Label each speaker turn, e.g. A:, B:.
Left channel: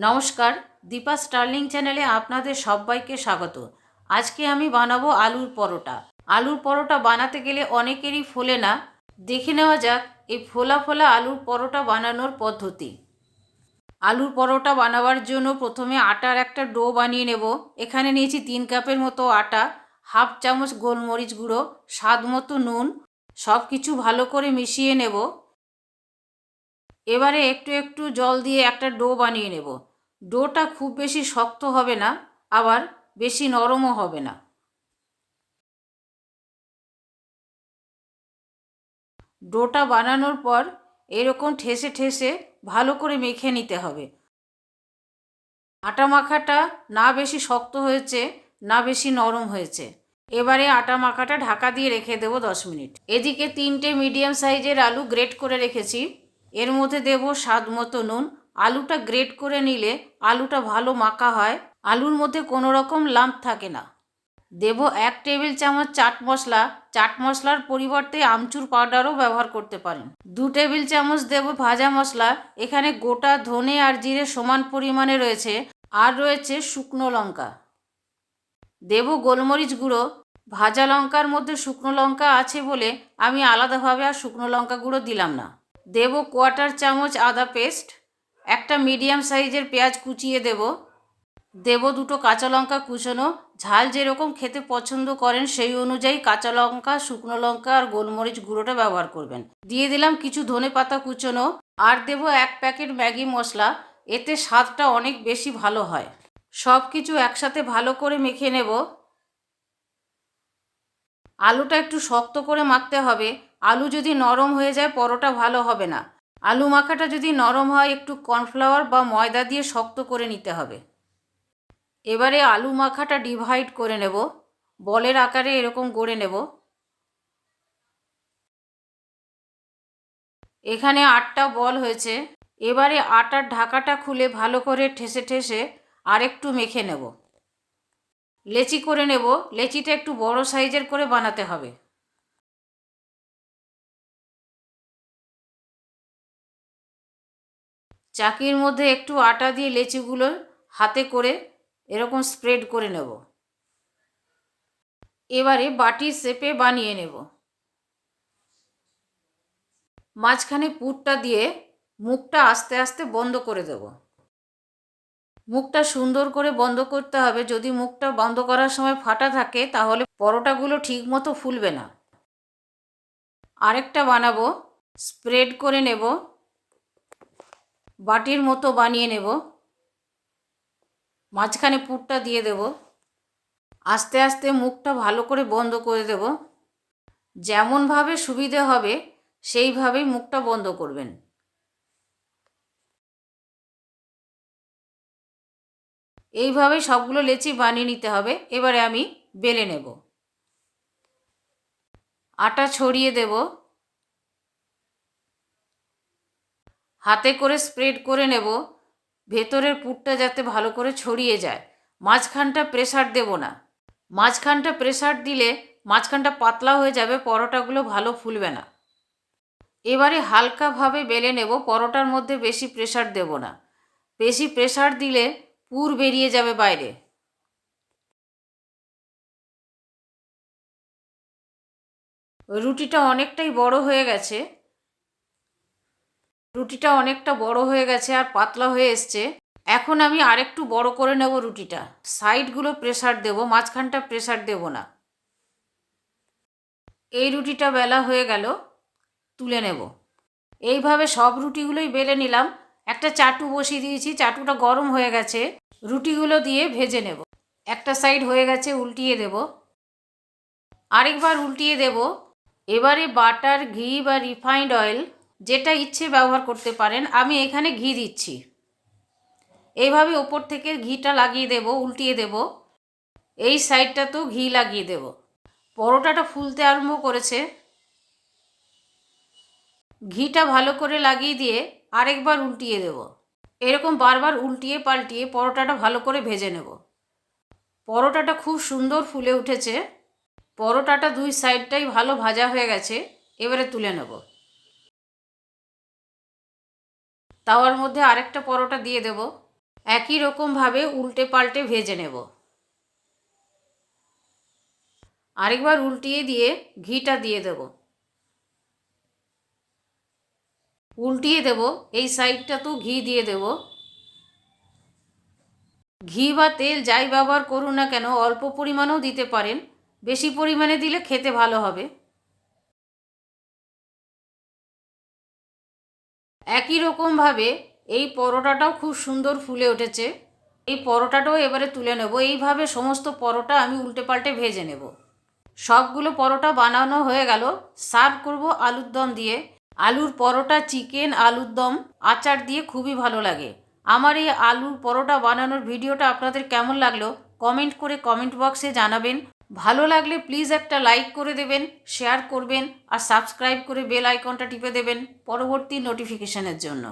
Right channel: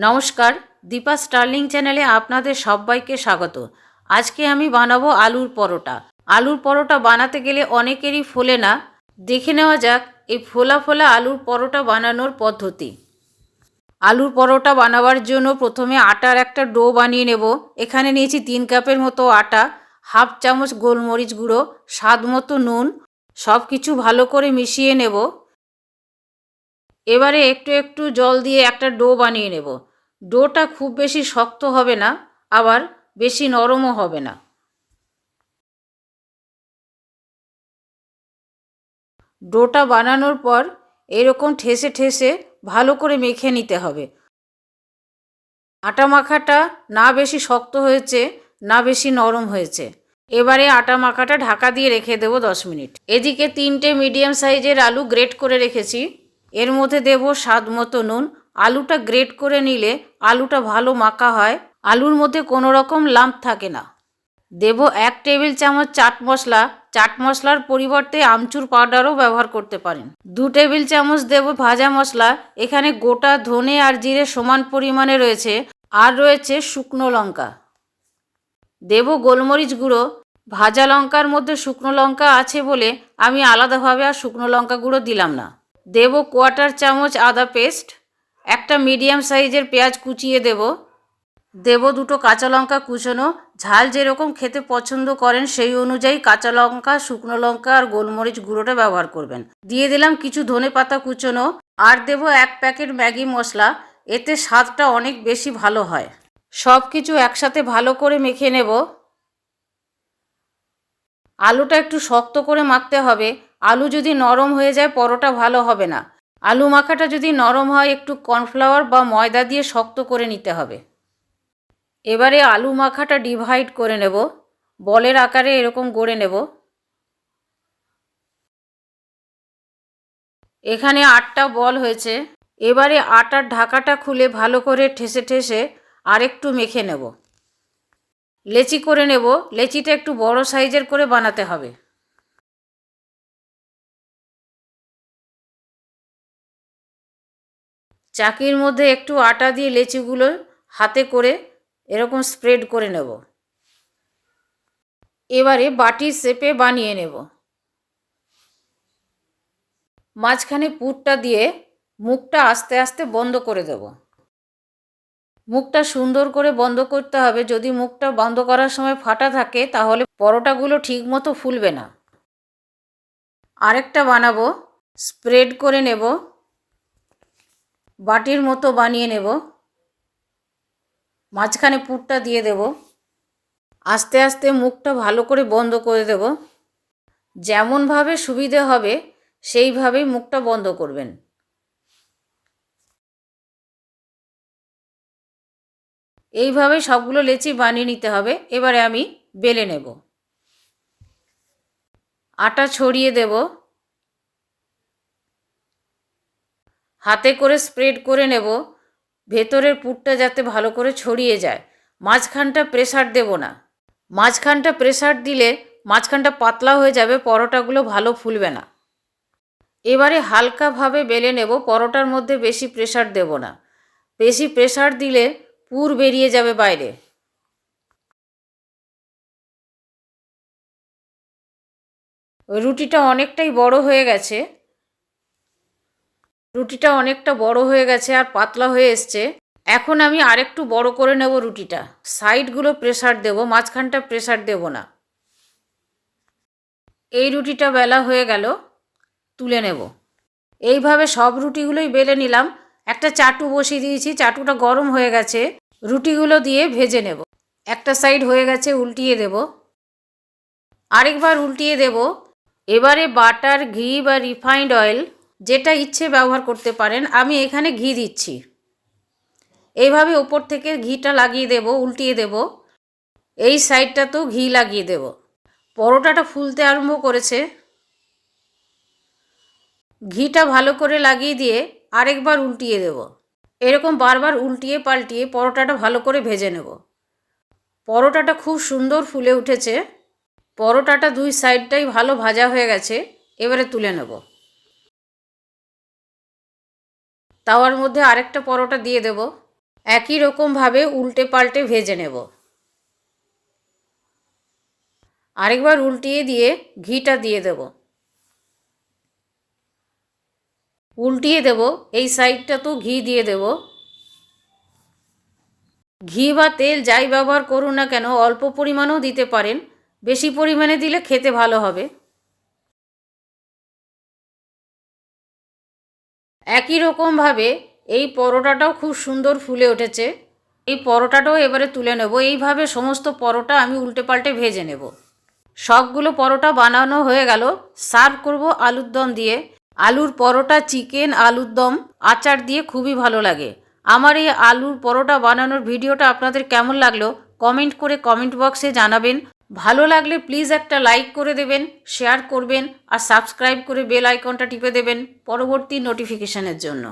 A: নমস্কার, দীপা স্টার্লিং চ্যানেলে আপনাদের সবাইকে স্বাগত। আজকে আমি বানাবো আলুর পরোটা। আলুর পরোটা বানাতে গেলে অনেকেরই ফোলে না। দেখে নেওয়া যাক এই ফোলা ফোলা আলুর পরোটা বানানোর পদ্ধতি। আলুর পরোটা বানাবার জন্য প্রথমে আটার একটা ডো বানিয়ে নেব। এখানে নিয়েছি তিন কাপের মতো আটা, হাফ চামচ গোলমরিচ গুঁড়ো, স্বাদ মতো নুন সব কিছু ভালো করে মিশিয়ে নেব। এবারে একটু একটু জল দিয়ে একটা ডো বানিয়ে নেব। ডোটা খুব বেশি শক্ত হবে না, আবার বেশি নরমও হবে না। ডোটা বানানোর পর এরকম ঠেসে ঠেসে ভালো করে মেখে নিতে হবে। আটা মাখাটা না বেশি শক্ত হয়েছে, না বেশি নরম হয়েছে। এবারে আটা মাখাটা ঢাকা দিয়ে রেখে দেবো দশ মিনিট। এদিকে তিনটে মিডিয়াম সাইজের আলু গ্রেট করে রেখেছি। এর মধ্যে দেব স্বাদ মতো নুন আলুটা গ্রেট করে নিলে আলুটা ভালো মাখা হয়। আলুর মধ্যে কোনো রকম লাম্প থাকে না। দেব এক টেবিল চামচ চাট মশলা। চাট মশলার পরিবর্তে আমচুর পাউডারও ব্যবহার করতে পারেন। দু টেবিল চামচ দেব ভাজা মশলা। এখানে গোটা ধনে আর জিরে সমান পরিমাণে রয়েছে। আর রয়েছে শুকনো লঙ্কা। দেব গোলমরিচ গুঁড়ো। ভাজা লঙ্কার মধ্যে শুকনো লঙ্কা আছে বলে আমি আলাদাভাবে আর শুকনো লঙ্কা গুঁড়ো দিলাম না। দেব কোয়াটার চামচ আদা পেস্ট। একটা মিডিয়াম সাইজের পেঁয়াজ কুচিয়ে দেব। দেব দুটো কাঁচা লঙ্কা কুচোনো। ঝাল যেরকম খেতে পছন্দ করেন, সেই অনুযায়ী কাঁচা লঙ্কা, শুকনো লঙ্কা আর গোলমরিচ গুঁড়োটা ব্যবহার করবেন। দিয়ে দিলাম কিছু ধনে পাতা কুচোনো। আর দেব এক প্যাকেট ম্যাগি মশলা। এতে স্বাদটা অনেক বেশি ভালো হয়। সব কিছু একসাথে ভালো করে মেখে নেব। আলুটা একটু শক্ত করে মাখতে হবে। আলু যদি নরম হয়ে যায়, পরোটা ভালো হবে না। আলু মাখাটা যদি নরম হয়, একটু কর্নফ্লাওয়ার বা ময়দা দিয়ে শক্ত করে নিতে হবে। এবারে আলু মাখাটা ডিভাইড করে নেব। বলের আকারে এরকম গড়ে নেব। এখানে আটটা বল হয়েছে। এবারে আটার ঢাকাটা খুলে ভালো করে ঠেসে ঠেসে আরেকটু মেখে নেব। লেচি করে নেব। লেচিটা একটু বড় সাইজের করে বানাতে হবে। চাকির মধ্যে একটু আটা দিয়ে লেচিগুলো হাতে করে এরকম স্প্রেড করে নেব। এবারে বাটির শেপে বানিয়ে নেব। মাঝখানে পুরটা দিয়ে মুখটা আস্তে আস্তে বন্ধ করে দেব। মুখটা সুন্দর করে বন্ধ করতে হবে। যদি মুখটা বন্ধ করার সময় ফাটা থাকে, তাহলে পরোটাগুলো ঠিক মতো ফুলবে না। আরেকটা বানাবো, স্প্রেড করে নেব। বাটির মতো বানিয়ে নেব। মাঝখানে পুরটা দিয়ে দেব। আস্তে আস্তে মুখটা ভালো করে বন্ধ করে দেব। যেমনভাবে সুবিধে হবে সেইভাবেই মুখটা বন্ধ করবেন। এইভাবে সবগুলো লেচি বানিয়ে নিতে হবে। এবারে আমি বেলে নেব। আটা ছড়িয়ে দেব। হাতে করে স্প্রেড করে নেব, ভেতরের পুরটা যাতে ভালো করে ছড়িয়ে যায়। মাঝখানটা প্রেসার দেব না। মাঝখানটা প্রেসার দিলে মাঝখানটা পাতলা হয়ে যাবে, পরোটাগুলো ভালো ফুলবে না। এবারে হালকাভাবে বেলে নেব, পরোটার মধ্যে বেশি প্রেসার দেব না। বেশি প্রেসার দিলে পুর বেরিয়ে যাবে বাইরে। রুটিটা অনেকটাই বড় হয়ে গেছে। রুটিটা অনেকটা বড় হয়ে গেছে আর পাতলা হয়ে এসছে। এখন আমি আরেকটু বড় করে নেব রুটিটা। সাইডগুলো প্রেসার দেব, মাঝখানটা প্রেসার দেব না। এই রুটিটা বেলা হয়ে গেল, তুলে নেব। এইভাবে সব রুটিগুলোই বেলে নিলাম। একটা চাটু বসিয়ে দিয়েছি, চাটুটা গরম হয়ে গেছে। রুটিগুলো দিয়ে ভেজে নেব। একটা সাইড হয়ে গেছে, উল্টিয়ে দেব। আরেকবার উল্টিয়ে দেব। এবারে বাটার, ঘি বা রিফাইন্ড অয়েল যেটা ইচ্ছে ব্যবহার করতে পারেন, আমি এখানে ঘি দিচ্ছি। এইভাবে ওপর থেকে ঘিটা লাগিয়ে দেব, উল্টিয়ে দেব। এই সাইডটাতেও ঘি লাগিয়ে দেব। পরোটাটা ফুলতে আরম্ভ করেছে। ঘিটা ভালো করে লাগিয়ে দিয়ে আরেকবার উল্টিয়ে দেব। এরকম বারবার উল্টিয়ে পাল্টিয়ে পরোটাটা ভালো করে ভেজে নেব। পরোটাটা খুব সুন্দর ফুলে উঠেছে। পরোটাটা দুই সাইডটাই ভালো ভাজা হয়ে গেছে। এবারে তুলে নেব। তাওয়ার মধ্যে আরেকটা পরোটা দিয়ে দেব। একই রকমভাবে উল্টে পাল্টে ভেজে নেব। আরেকবার উল্টিয়ে দিয়ে ঘিটা দিয়ে দেব। উল্টিয়ে দেব, এই সাইডটা তো ঘি দিয়ে দেব। ঘি বা তেল যাই ব্যবহার করুন না কেন, অল্প পরিমাণেও দিতে পারেন। বেশি পরিমাণে দিলে খেতে ভালো হবে। একই রকমভাবে এই পরোটাটাও খুব সুন্দর ফুলে উঠেছে। এই পরোটাটাও এবারে তুলে নেব। এইভাবে সমস্ত পরোটা আমি উল্টে পাল্টে ভেজে নেব। সবগুলো পরোটা বানানো হয়ে গেল। সার্ভ করব আলুর দম দিয়ে। আলুর পরোটা, চিকেন, আলুর দম আচার দিয়ে খুবই ভালো লাগে। আমার এই আলুর পরোটা বানানোর ভিডিওটা আপনাদের কেমন লাগল? কমেন্ট করে কমেন্ট বক্সে জানাবেন। ভালো লাগলে প্লিজ একটা লাইক করে দেবেন শেয়ার করবেন আর সাবস্ক্রাইব করে বেল আইকনটা টিপে দেবেন পরবর্তী নোটিফিকেশানের জন্য।